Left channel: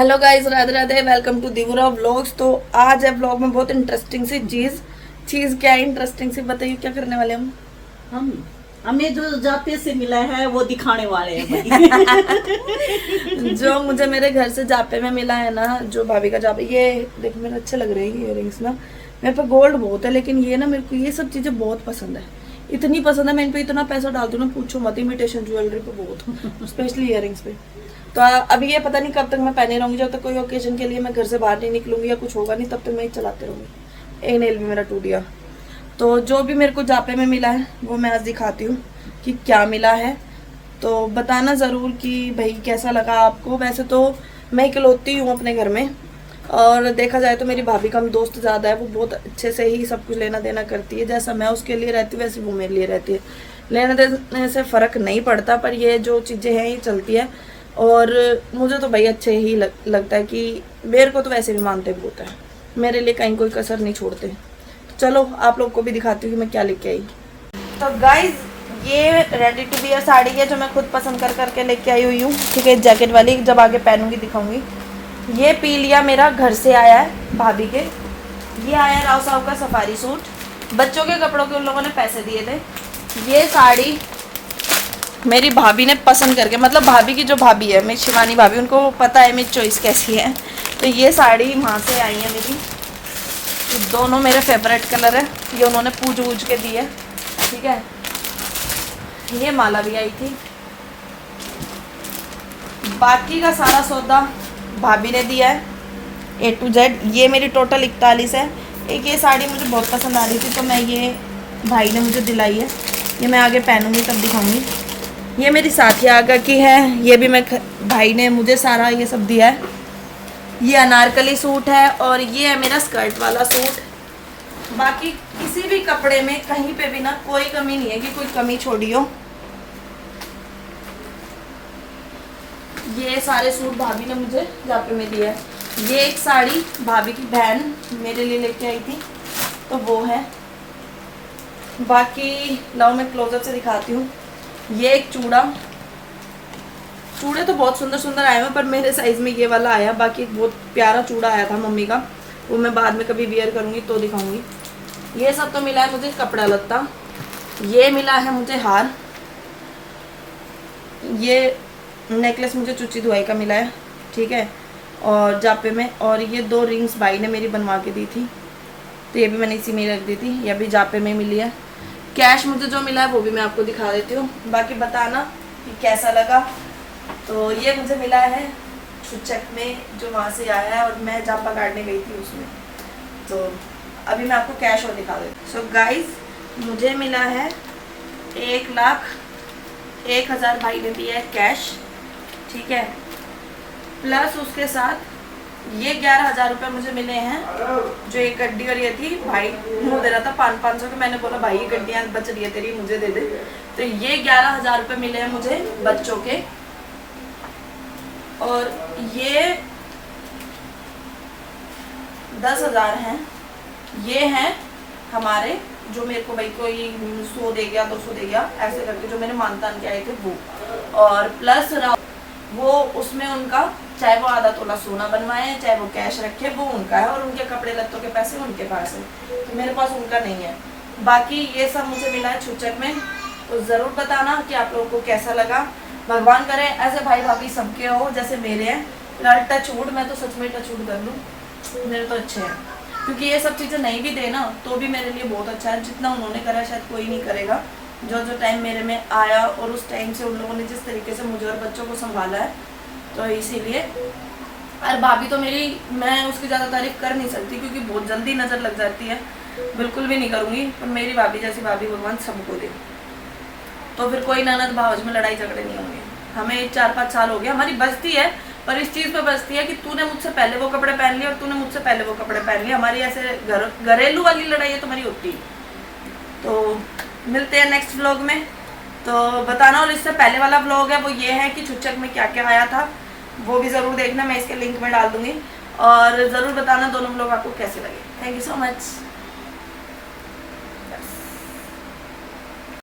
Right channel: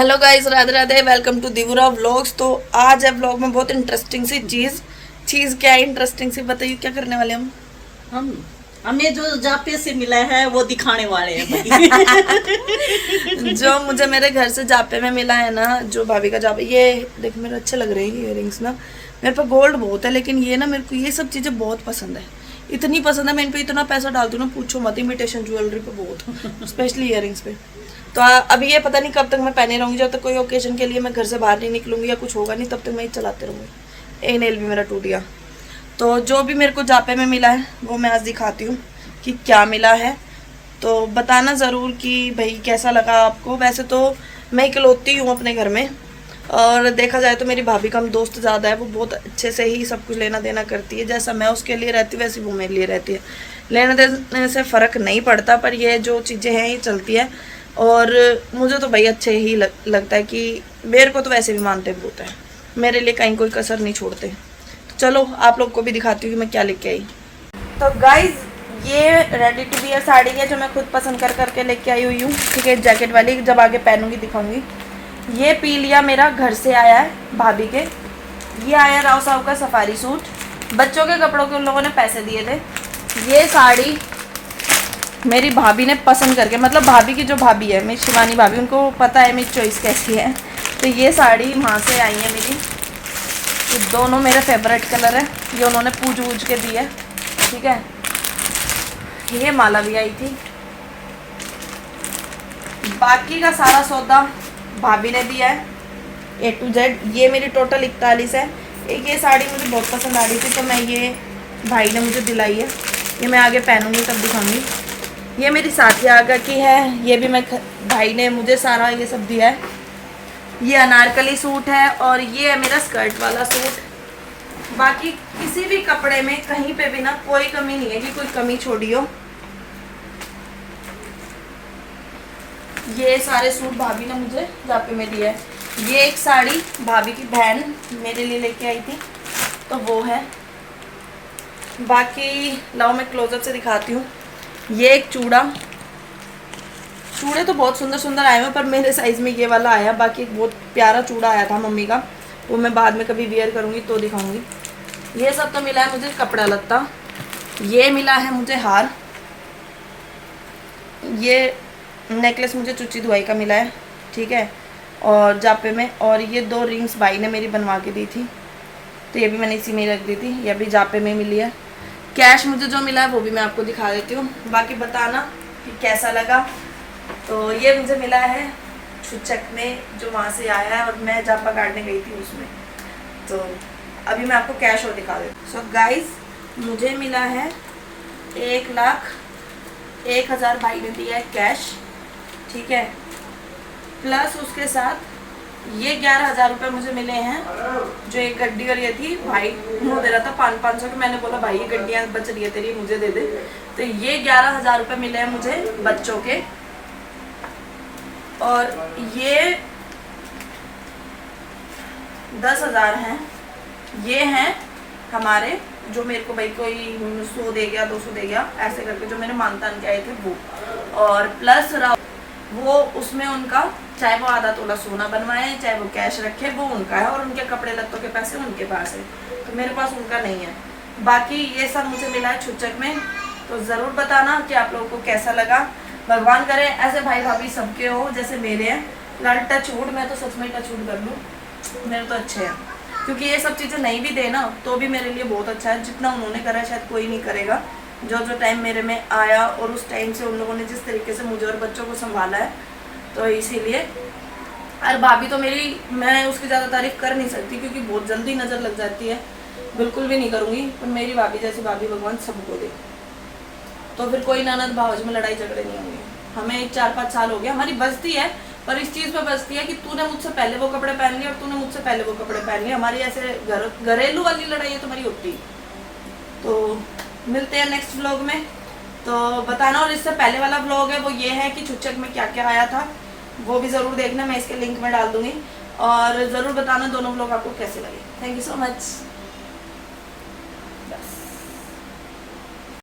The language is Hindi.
Hello guys, Radhe Radhe. Welcome to Divura vlogs. तो आज है व्लॉग में बहुत इंटरेस्टिंग सी चीज क्या है इंटरेस्टिंग सी, बताइए क्या करने वाले हम हमें जो जापे से मिला है वो दिखाने वाले हैं भाई। जो मुझे मेरे घर से जापे में मिला है ना, जो भाभी का जापे, ये देख मेरे अच्छे लग रहे हैं ये इयररिंग्स ना। मेरे पे गोल्ड बहुत है, लेकिन ये ना मेरे को ये सब चीजें बहुत पसंद है। इतनी पसंद है, मैं इन पे इतना पैसा डालती हूँ ना, पूछो मत। इमिटेशन ज्वेलरी पे बहुत, स्पेशली इयररिंग्स पे। तो अभी ये पता नहीं कब तक मैं पहने रहूंगी। जब तक कोई ओकेजन के लिए मैं घर से बाहर नहीं निकलूंगी या कुछ होगा नहीं, तब तक मैं ये चलाते रहूंगी। एक नेल भी मेरा टूट गया। तो जो भी मेरे को जापे में मिला है वो मैं आज दिखाती हूँ कि क्या मिला है। तो बताना ज़रूर कि भाई कैसा लगा आपको। वैसे तो मैं इकलौती हूँ अपने घर में, और देखा जाए तो मेरी भाभी कम दोस्त ज़्यादा है। वो बहुत अच्छे से ही सब कुछ लेना देना करती है। जैसा मैं उसके लिए रहती हूँ वैसे वो मेरे लिए रहती है। लेने देने से फ़र्क नहीं पड़ता, पर ये जो चीज़ें हैं ये चलती है। और मुझे तो भाई अच्छे ही लगता है कि मेरे को तो वैसे भी मानते बहुत है, मेरे लिए कहीं कोई कसर नहीं छोड़ते। तो चलो आप लोग को भी दिखाती हूँ कि मैं क्या लेके आई। तो गाइज, ये रेडी टू वियर साड़ी है जो मैं खुद पसंद कर करके लेके आई हुई हूँ। ठीक है, जैकेट वाली, जब आगे पहनूंगी दिखाऊंगी। ये पी लिया मेरा घर से आया है भाभी के। ये आया राव साहब का सफारी सूट। बच्चों के कपड़ों के उन लोगों ने पैसे दिए थे। ये साड़ी मेरी भाभी ने पसंद करके, मतलब भाभी की जो भाभी है मेरी शिवानी भाभी, उनको पता है मेरी चॉइस कैसी है। तो ये साड़ी वहाँ से आई है मेरी। ये दोनों मेरे फेवरेट कलर है। ये उन्होंने पूछ के दी है। ठीक है, ये माला भी आई थी। बाकी का सारा सौदा भाभी ने दिया है A to Z। ये मेरी टोटल 41 है। एक ये साड़ी मुझे बहुत पसंद आ रही थी, तो मैं ये भाई ने मुझे दिलाई है। ये मैं आगे पहनूंगी तब दिखाऊंगी। ये मेरी साथी आगा की है। ये भी मैं भाई ने मुझे सारा ये सब दिया है। ये अनारकली सूट है, और ये है मेरा स्कर्ट वाला सूट। बाकी किसी भी कपड़े में कहीं पे भी ना कोई कमी नहीं है कि कोई कमी छोड़ी हो। ये सारे सूट भाभी ने मुझे जापे में दिए है। ये एक साड़ी भाभी की बहन मेरे लिए लेके आई थी, तो वो है। बाकी लाओ मैं क्लोजअप से दिखाती हूँ। ये एक चूड़े तो बहुत सुंदर सुंदर आए हैं, पर मेरे साइज़ में ये वाला आया। बाकी एक बहुत प्यारा चूड़ा आया था मम्मी का, वो मैं बाद में कभी वियर करूँगी तो दिखाऊंगी। ये सब तो मिला है मुझे कपड़ा लत्ता। ये मिला है मुझे हार। ये नेकलेस मुझे चुच्ची धुआई का मिला है। ठीक है, और जापे में। और ये 2 रिंग्स भाई ने मेरी बनवा के दी थी, तो ये भी मैंने इसी में रख दी थी। ये भी जापे में मिली है। कैश मुझे जो मिला है वो भी मैं आपको दिखा देती हूँ। बाकी बताना कि कैसा लगा। तो ये मुझे मिला है छुचक में, जो वहाँ से आया है, और मैं जापा काटने गई थी उसमें। तो अभी मैं आपको कैश और दिखा देती हूँ। सो गाइज, मुझे मिला है 1,01,000 भाई ने दिया है कैश। ठीक है, प्लस उसके साथ ये 11,000 रुपये मुझे मिले हैं। जो एक गड्डी और ये थी, भाई मुँह दे रहा था 500 के। मैंने बोला भाई ये गड्डियाँ बच रही है तेरी, मुझे दे दे। तो ये 11,000 रुपये मिले हैं मुझे बच्चों के। और ये 10,000 हैं। ये हैं हमारे, जो मेरे को भाई कोई 100 दे गया, 200 दे गया, ऐसे करके जो मेरे मानतान के आए थे वो। और प्लस वो उसमें उनका, चाहे वो आधा तोला सोना बनवाए, चाहे वो कैश रखे, वो उनका है। और उनके कपड़े लत्तों के पैसे उनके पास है, तो मेरे पास उनका नहीं है। बाकी ये सब मुझे मिला है छुचक में। तो ज़रूर बताना कि आप लोगों को कैसा लगा। भगवान करे ऐसे भाई भाभी सबके हो जैसे मेरे हैं। यार टचवुड, मैं तो सच में टचवुड कर लूँ, मेरे तो अच्छे हैं। क्योंकि ये सब चीज़ें नहीं भी देना तो भी मेरे लिए बहुत अच्छा है। जितना उन्होंने करा शायद कोई नहीं करेगा। जो टाइम मेरे में आया, और उस टाइम से उन लोगों ने जिस तरीके से मुझे और बच्चों को संभाला है, तो इसीलिए। और भाभी तो मेरी, मैं उसकी ज़्यादा तारीफ कर नहीं सकती क्योंकि बहुत जल्दी नज़र लग जाती है। बिल्कुल भी नहीं करूँगी, पर मेरी भाभी जैसी भाभी भगवान सबको दे। तो फिर कोई ननद भावज में लड़ाई झगड़े नहीं होंगे। हमें 4-5 साल हो गया, हमारी बचती है, पर इस चीज़ पे बचती है कि तूने मुझसे पहले वो कपड़े पहन लिए और तूने मुझसे पहले वो कपड़े पहन लिए। हमारी ऐसे घरेलू वाली लड़ाई है तुम्हारी होती। तो मिलते हैं नेक्स्ट व्लॉग में। तो बताना। और इससे पहले वाला व्लॉग है वो ये है कि छुचक में क्या क्या आया था, वो भी ज़रूर देखना। मैं इसके लिंक में डाल दूँगी। और ज़रूर बताना दोनों व्लॉग आपको कैसे लगे। Thank you so much.